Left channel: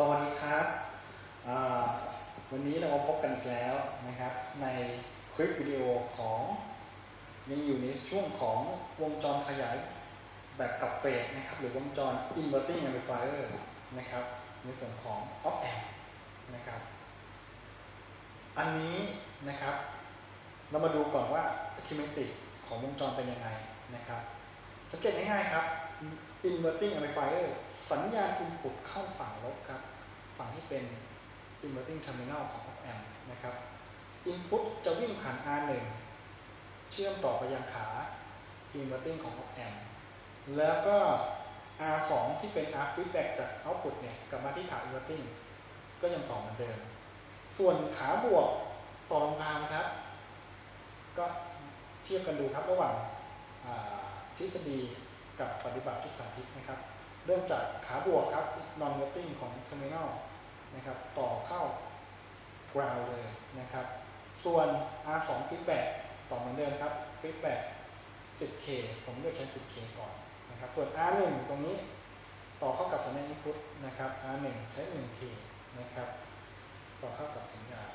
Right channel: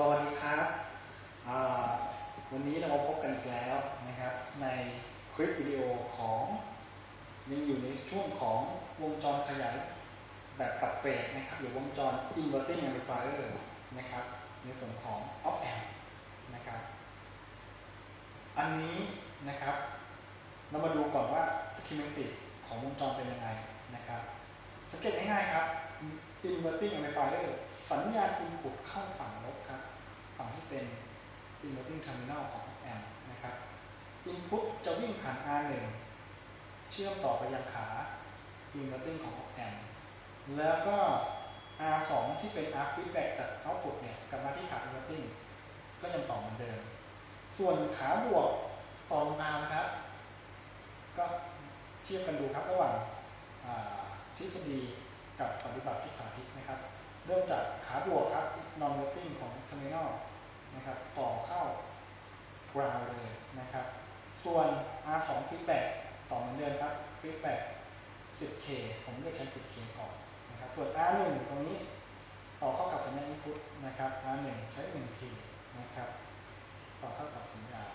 สวัสดีครับวันนี้เราพบกันแล้วนะครับในคลิปวิดีโอของยังอยู่ในช่วงของวงจรขยายแบบกับเฟสนะครับหรือวงจร inverting amplifier นะครับในส่วนของ op amp นะครับอันนี้นะครับเรามาดูก่อนว่า schematic ของวงจรเป็นยังไงนะครับสังเกตง่ายๆครับ inverting amplifier สัญญาณ input เข้าฝั่งลบครับฝั่งที่เป็น inverting terminal ของ op amp นะครับ input จะวิ่งผ่าน R1 เชื่อมต่อไปยังขา inverting ของ op amp แล้วก็ R2 ที่เป็น R feedback จาก output เนี่ยกลับมาที่ขา inverting ก็ยังต่อเหมือนเดิมส่วนขาบวกต่อลงมานะครับก็เทียบกันดูครับระหว่างทฤษฎีกับปฏิบัติที่สาธิตนะครับเริ่มจากขาบวกครับ non inverting ของ terminal นะครับต่อเข้า ground เลยนะครับส่วน R2 feedback ต่อเหมือนเดิมครับ feedback 10K ผมเลือกใช้ 10K ก่อนนะครับส่วน R1 ตรงนี้ต่อเข้ากับสัญญาณ input นะครับ R1 ใช้ 1K นะครับต่อเข้ากับสัญญาณ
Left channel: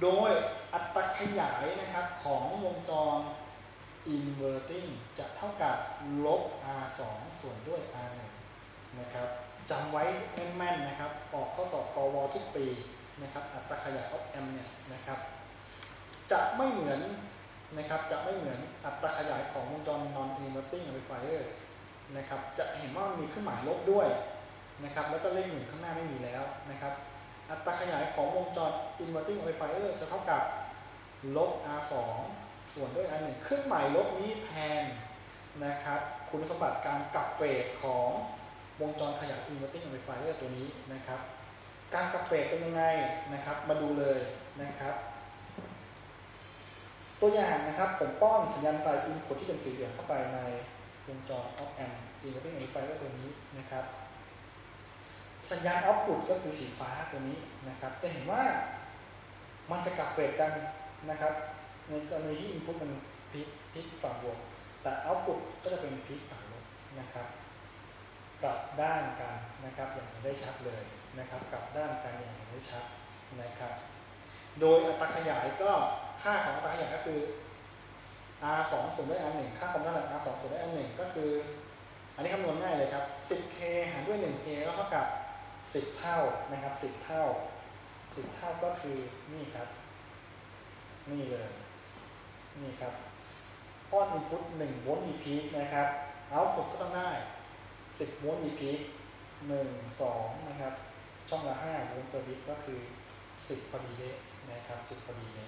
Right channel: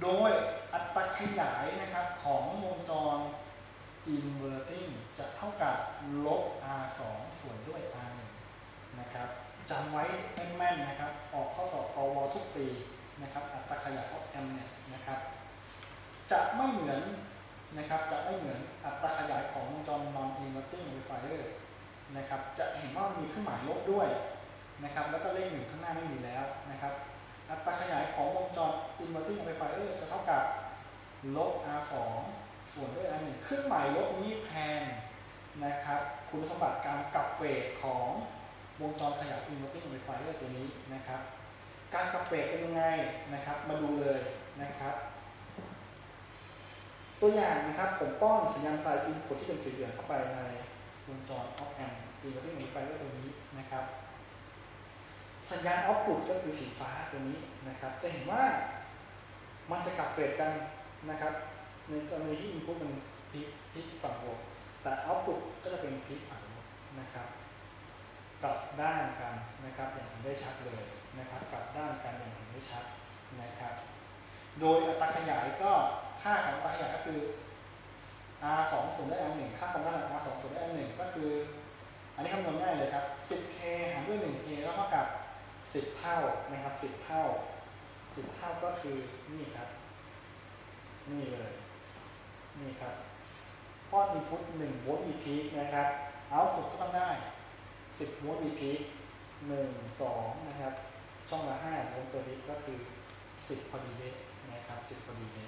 โดยอัตราขยายนะครับของวงจร inverting จะเท่ากับลบ R2 ส่วนด้วย R1 นะครับจำไว้แม่นๆนะครับออกข้อสอบกวทุกปีนะครับอัตราขยาย op amp เนี่ยนะครับจะไม่เหมือนนะครับจะไม่เหมือนอัตราขยายของวงจร non inverting amplifier นะครับจะเห็นว่ามีเครื่องหมายลบด้วยนะครับแล้วก็เลข1ข้างหน้าไม่มีแล้วนะครับอัตราขยายของวงจร inverting amplifier จะเท่ากับลบ R2 ส่วนด้วย R1 เครื่องหมายลบนี้แทนนะครับคุณสมบัติการกลับเฟสของวงจรขยาย inverting amplifier ตัวนี้นะครับการกลับเฟสเป็นยังไงนะครับมาดูเลยนะครับตัวอย่างนะครับผมป้อนสัญญาณไซน์ input ที่เป็นสีเหลืองเข้าไปในวงจร op amp inverting amplifier ตัวนี้นะครับสัญญาณ output ก็คือสีฟ้าตัวนี้นะครับจะเห็นว่ามันจะกลับเฟสกันนะครับในกรณีที่ input มันพีคฝั่งบวกแต่ output ก็จะเป็นพีคฝั่งลบนะครับกลับด้านกันนะครับอย่างเห็นได้ชัดเลยนะครับกลับด้านกันอย่างเห็นได้ชัดนะครับโดยอัตราขยายก็ค่าของอัตราขยายก็คือ R2 ส่วนด้วย R1 ค่าความต้านทาน R2 ส่วนด้วย R1 ก็คืออันนี้คำนวณง่ายเลยครับ 10K หารด้วย 1K แล้วเท่ากับ10 เท่านะครับ10 เท่าก็คือนี่ครับนี่เลยนี่ครับป้อน input 1 โวลต์มีพีคนะครับ output ก็ต้องได้10 โวลต์มีพีค1 2นะครับช่องละ5 โวลต์ต่อบิตก็คือ10 พอดีเดะนะครับ10 พอดีเดะ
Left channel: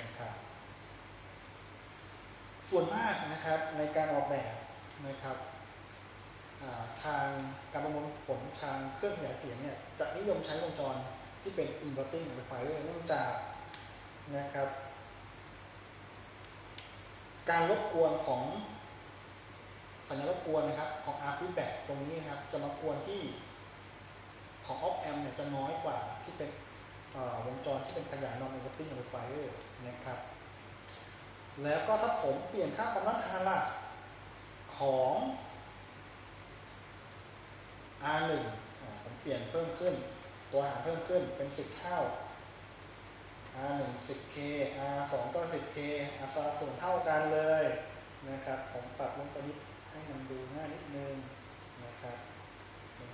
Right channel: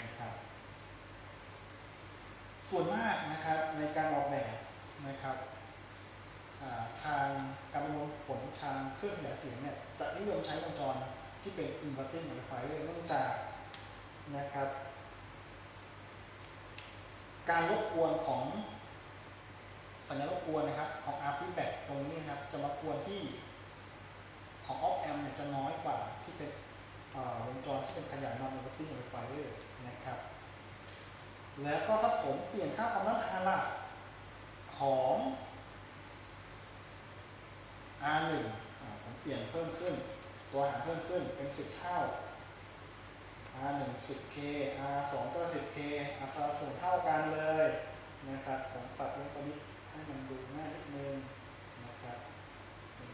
นะครับส่วนมากนะครับในการออกแบบนะครับทางการประมวลผลทางเครื่องขยายเสียงเนี่ยจะนิยมใช้วงจรที่เป็น inverting amplifier เนื่องจากนะครับการรบกวนของสัญญาณรบกวนนะครับของ R feedback ตรงนี้นะครับจะมากวนที่ของ op amp เนี่ยจะน้อยกว่าที่เป็นวงจรที่เป็นขยาย non inverting amplifier นะครับแล้วก็ถ้าผมเปลี่ยนค่าความต้านทานล่ะของ R1 ผมเปลี่ยนเพิ่มขึ้นตัวหารเพิ่มขึ้นเป็น10 เท่า R1 10K R2 ก็ 10K R2 ส่วนเท่ากันเลยนะครับผมปรับลงตัวนี้ให้มันดูง่ายนิดนึงนะครับ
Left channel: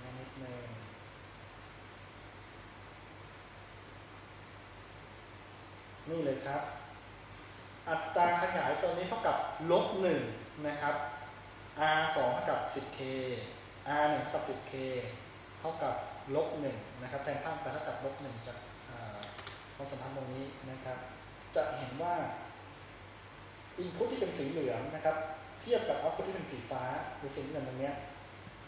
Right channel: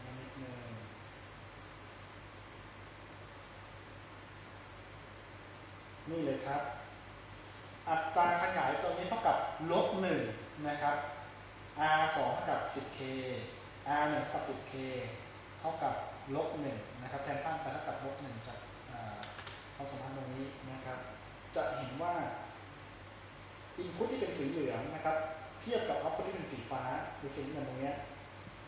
ง่ายนิดนึงนี่เลยครับอัตราขยายตัวนี้เท่ากับลบ1นะครับ R2 เท่ากับ 10K R1 เท่ากับ 10K เท่ากับลบ1นะครับแทนค่าไปเท่ากับลบ1จากความสัมพันธ์ตรงนี้นะครับจะเห็นว่า input ที่เป็นสีเหลืองนะครับเทียบกับ output ที่เป็นสีฟ้าหรือสีเงินตรงนี้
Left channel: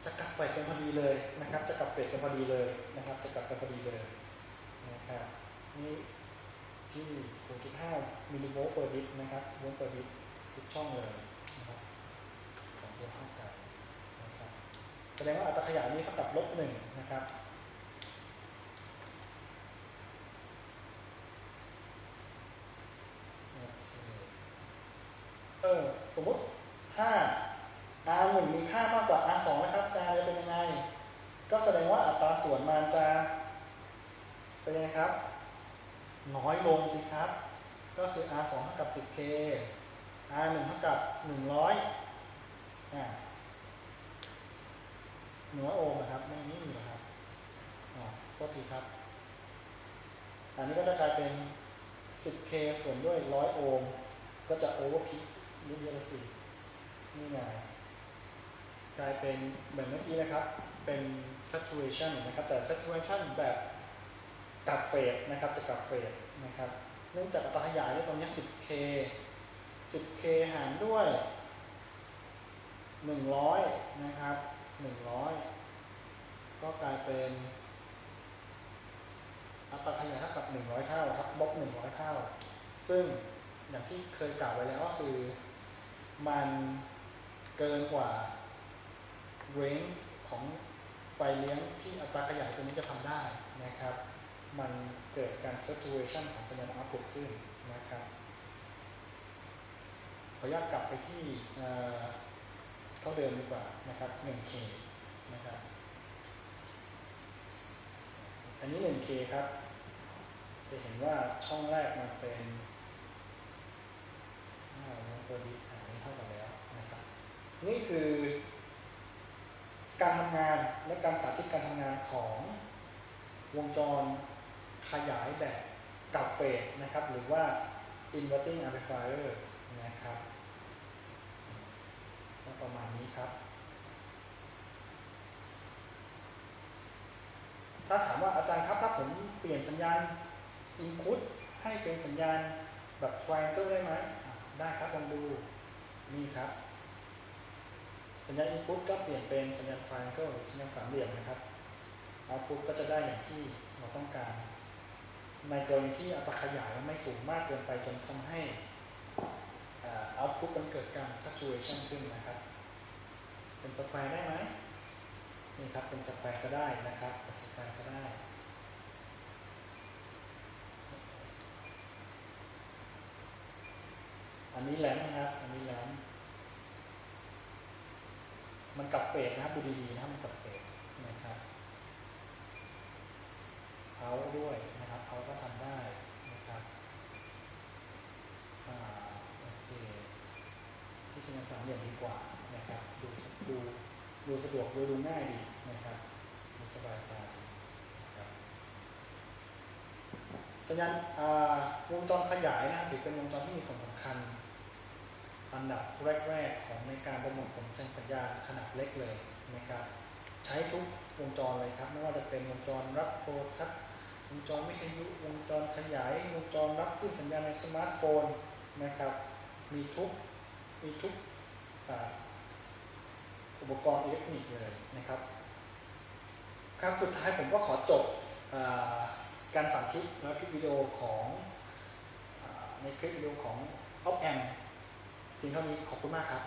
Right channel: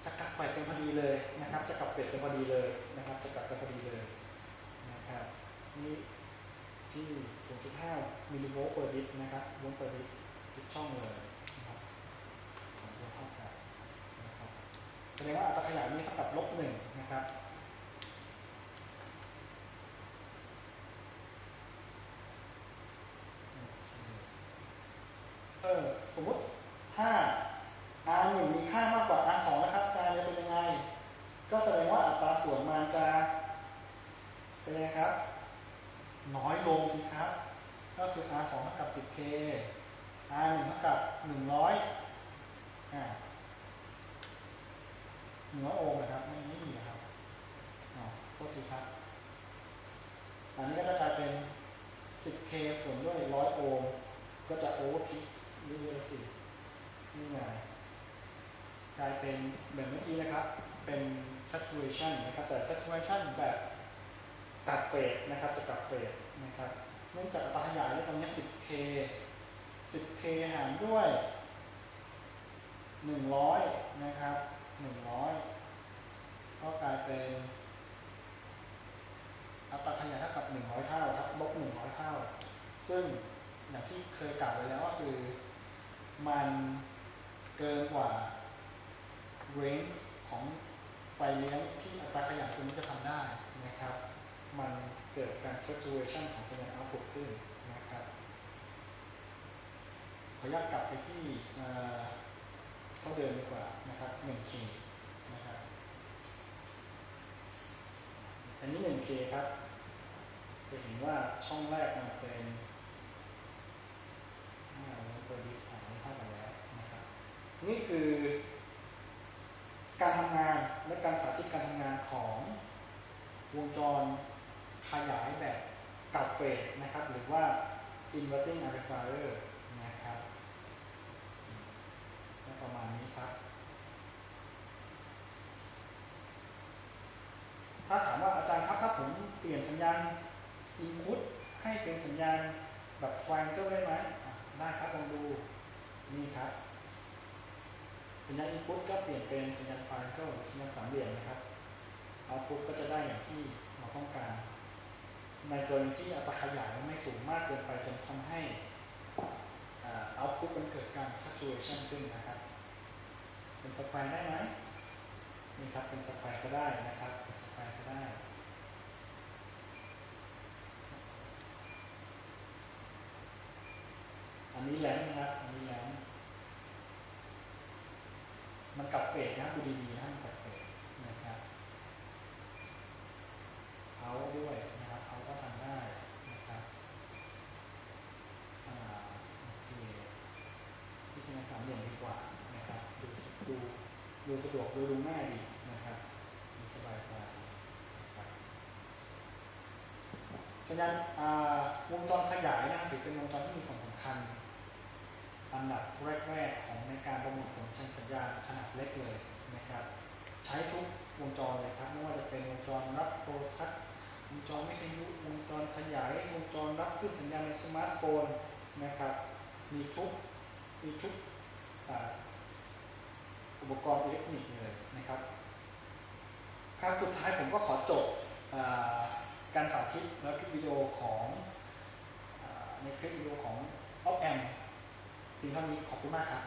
จะกลับเฟสกันพอดีเลยนะครับจะกลับเฟสกันพอดีเลยนะครับจะกลับกันพอดีเลยนะครับนี่ที่ 0.5 มิลลิโวลต์เปอร์บิตนะครับโวลต์เปอร์บิตทุกช่องเลยนะครับของตัวเท่ากันนะครับแสดงว่าอัตราขยายนี้เท่ากับลบ1นะครับสมมติถ้า R1 มีค่ามากกว่า R2 นะครับจะเป็นยังไงก็แสดงว่า ส่วนมันจะเป็นไงครับน้อยลงสิครับก็คือ R2 เท่ากับ 10K R1 เท่ากับ100 100 โอห์มนะครับไม่มีนะครับโทษทีครับอันนี้ก็จะกลายเป็น 10K ส่วนด้วย100 โอห์มก็จะโอเวอร์พีคเรื่อยๆสินี่ไงกลายเป็นแบบเมื่อกี้นะครับเป็น saturation นะครับแต่ saturation แบบกัดเฟสนะครับจะกัดเฟสนะครับเนื่องจากอัตราขยายตอนนี้ 10K หารด้วย100นะครับ100ก็กลายเป็นอัตราขยายเท่ากับ100 เท่าครับลบ100 เท่าซึ่งอย่างที่เคยกล่าวไว้แล้วก็คือมันเกินกว่า range ของไฟเลี้ยงที่อัตราขยายตัวนี้จะทำได้นะครับมันเกิดการ saturation ของสัญญาณ output ขึ้นนะครับขออนุญาตกลับไปที่ก็เดิมดีกว่านะครับ 1K นะครับอันนี้ 1K ครับจะเห็นว่าช่องแรกมาเป็นตัวบิตหารเท่ากันแล้วนะครับนี่คือการทำงานและการสาธิตการทำงานของวงจรขยายแบบกับเฟสนะครับหรือว่า inverting amplifier นะครับประมาณนี้ครับถ้าถามว่าอาจารย์ครับถ้าผมเปลี่ยนสัญญาณ input ให้เป็นสัญญาณแบบ triangle ได้ไหมได้ครับลองดูนี่ครับสัญญาณ input ก็เปลี่ยนเป็นสัญญาณ triangle หรือสัญญาณสามเหลี่ยมนะครับ output ก็จะได้อย่างที่เราต้องการในกรณีที่อัตราขยายไม่สูงมากเกินไปจนทำให้output มันเกิดการ saturation ขึ้นนะครับเป็นสแควร์ได้ไหมนี่ครับเป็นสแควร์ก็ได้นะครับเป็นสแควร์ก็ได้อันนี้แหลมนะครับอันนี้แหลมมันกับเฟสนะครับดูดีๆนะมันกับเฟสนะครับเขาด้วยนะครับเขาก็ทำได้นะครับโอเคที่สัญญาณสามเหลี่ยมดีกว่านะครับดูสะดวกดูง่ายดีนะครับดูสบายตานะครับสัญญาณวงจรขยายนะครับถือเป็นวงจรที่มีความสำคัญอันดับแรกๆของในการประมวลผลสัญญาณขนาดเล็กเลยนะครับใช้ทุกวงจรเลยครับไม่ว่าจะเป็นวงจรรับโทรทัศน์วงจรวิทยุวงจรขยายวงจรรับคลื่นสัญญาณในสมาร์ทโฟนนะครับมีทุกอุปกรณ์อิเล็กทรอนิกส์เลยนะครับครับสุดท้ายผมก็ขอจบการสาธิตและคลิปวิดีโอของในคลิปวิดีโอของ Op Amp เพียงเท่านี้ขอบคุณมากครับ